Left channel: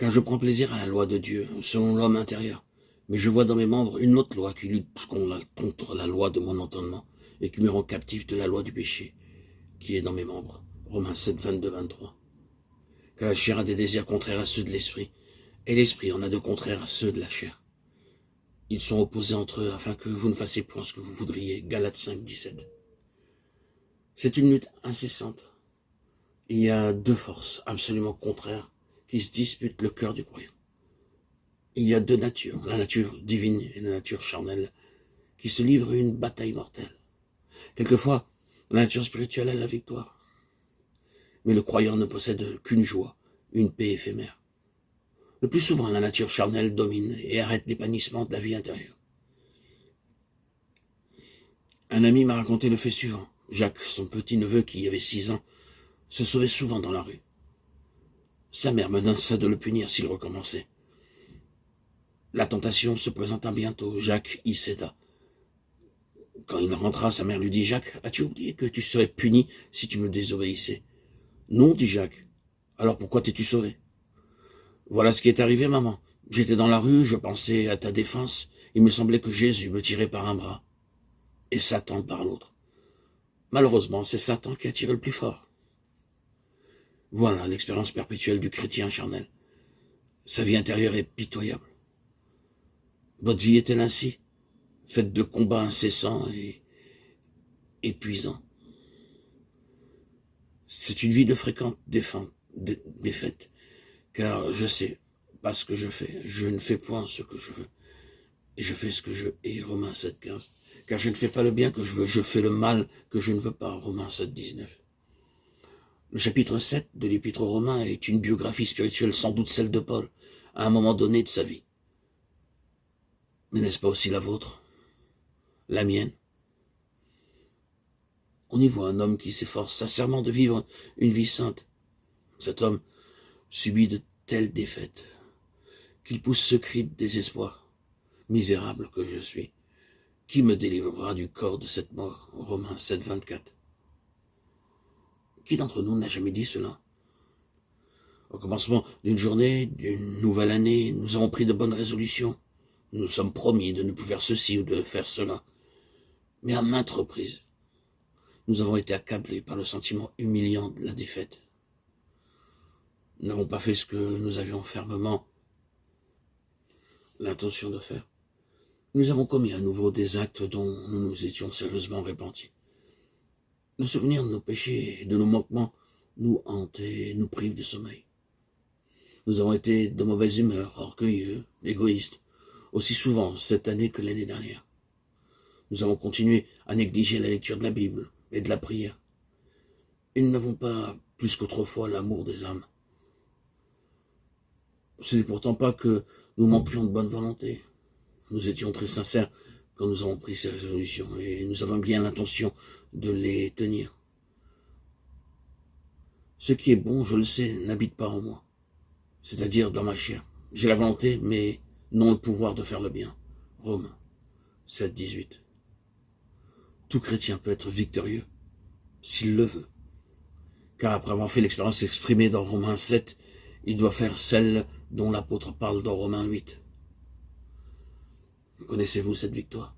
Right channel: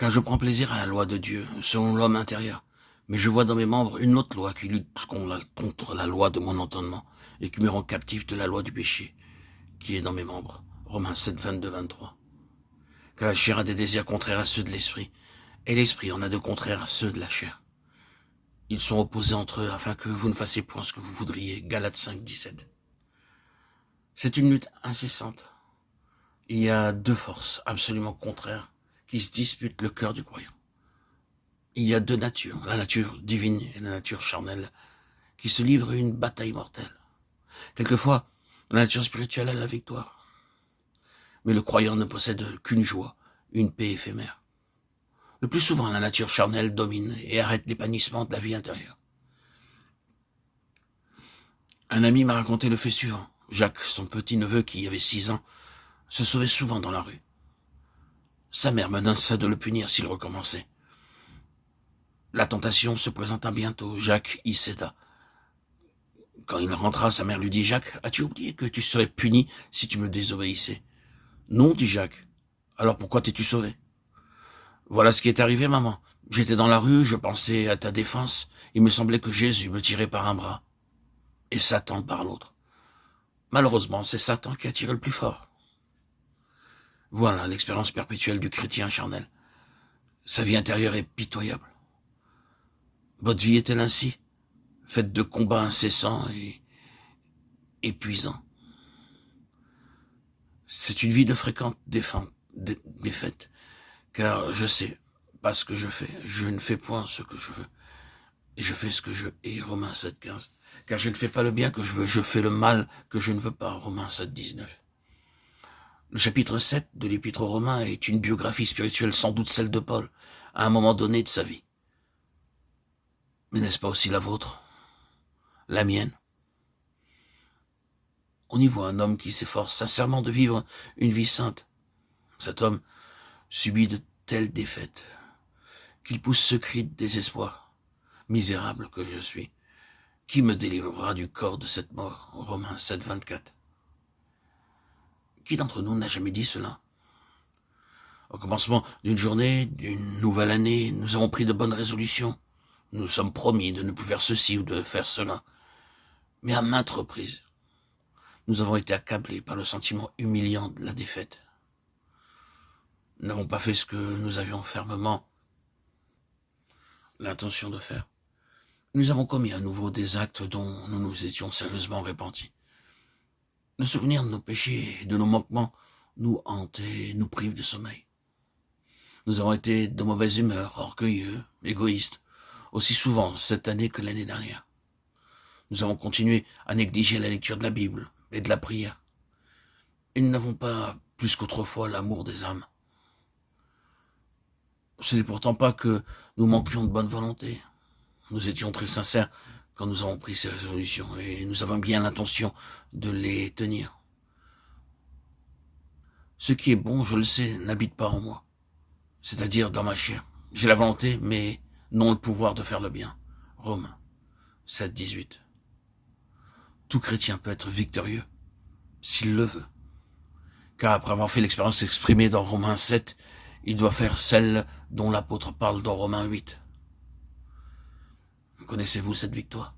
car je prends plaisir à la loi de Dieu, selon l'homme intérieur. Mais je vois dans mes membres une autre loi qui lutte contre la loi de mon entendement et qui me rend captif de la loi du péché qui est dans mes membres. Romains 7, 22, 23. Car la chair a des désirs contraires à ceux de l'esprit, et l'esprit en a de contraires à ceux de la chair. Ils sont opposés entre eux afin que vous ne fassiez point ce que vous voudriez. Galates 5, 17. C'est une lutte incessante. Il y a deux forces absolument contraires qui se disputent le cœur du croyant. Il y a deux natures, la nature divine et la nature charnelle, qui se livrent une bataille mortelle. Quelquefois, la nature spirituelle a la victoire. Mais le croyant ne possède qu'une joie, une paix éphémère. Le plus souvent, la nature charnelle domine et arrête l'épanouissement de la vie intérieure. Un ami m'a raconté le fait suivant. Jacques, son petit-neveu qui avait 6 ans, se sauvait souvent dans la rue. Sa mère menaçait de le punir s'il recommençait. La tentation se présenta bientôt. Jacques y céda. Quand il rentra, sa mère lui dit « Jacques, as-tu oublié que tu serais puni si tu me désobéissais ?»« Non, dit Jacques. Alors pourquoi t'es-tu sauvé ?»« Voilà ce qui est arrivé, maman. J'étais dans la rue, je pensais à ta défense. Il me semblait que Jésus me tirait par un bras et Satan par l'autre. Malheureusement, c'est Satan qui a tiré le plus fort. » Voilà l'expérience perpétuelle du chrétien charnel. Sa vie intérieure est pitoyable. Votre vie est-elle ainsi, faite de combats incessants et épuisants? C'est une vie de fréquentes défaites, car je sais pas ce que je fais. Je ne fais point ce que je veux, et je fais ce que je hais. Romains 7, 15. Car je ne fais pas le bien que je veux, je fais le mal que je ne veux pas. Romains 7, 19. Le chapitre 7 de l'Épître aux Romains est une biographie spirituelle, sans doute celle de Paul, à un moment donné de sa vie. Mais n'est-ce pas aussi la vôtre? La mienne? On y voit un homme qui s'efforce sincèrement de vivre une vie sainte. Cet homme subit de telles défaites qu'il pousse ce cri de désespoir. Misérable que je suis, qui me délivrera du corps de cette mort? Romains 7, 24. Qui d'entre nous n'a jamais dit cela? Au commencement d'une journée, d'une nouvelle année, nous avons pris de bonnes résolutions. Nous nous sommes promis de ne plus faire ceci ou de faire cela. Mais à maintes reprises, nous avons été accablés par le sentiment humiliant de la défaite. Nous n'avons pas fait ce que nous avions fermement l'intention de faire. Nous avons commis à nouveau des actes dont nous nous étions sérieusement repentis. Le souvenir de nos péchés et de nos manquements nous hante et nous prive de sommeil. Nous avons été de mauvaise humeur, orgueilleux, égoïstes, aussi souvent cette année que l'année dernière. Nous avons continué à négliger la lecture de la Bible et de la prière. Et nous n'avons pas, plus qu'autrefois, l'amour des âmes. Ce n'est pourtant pas que nous manquions de bonne volonté. Nous étions très sincères quand nous avons pris ces résolutions et nous avons bien l'intention de les tenir. Ce qui est bon, je le sais, n'habite pas en moi, c'est-à-dire dans ma chair. J'ai la volonté, mais non le pouvoir de faire le bien. Romains 7, 18. Tout chrétien peut être victorieux, s'il le veut. Car après avoir fait l'expérience exprimée dans Romains 7, il doit faire celle dont l'apôtre parle dans Romains 8. Connaissez-vous cette victoire?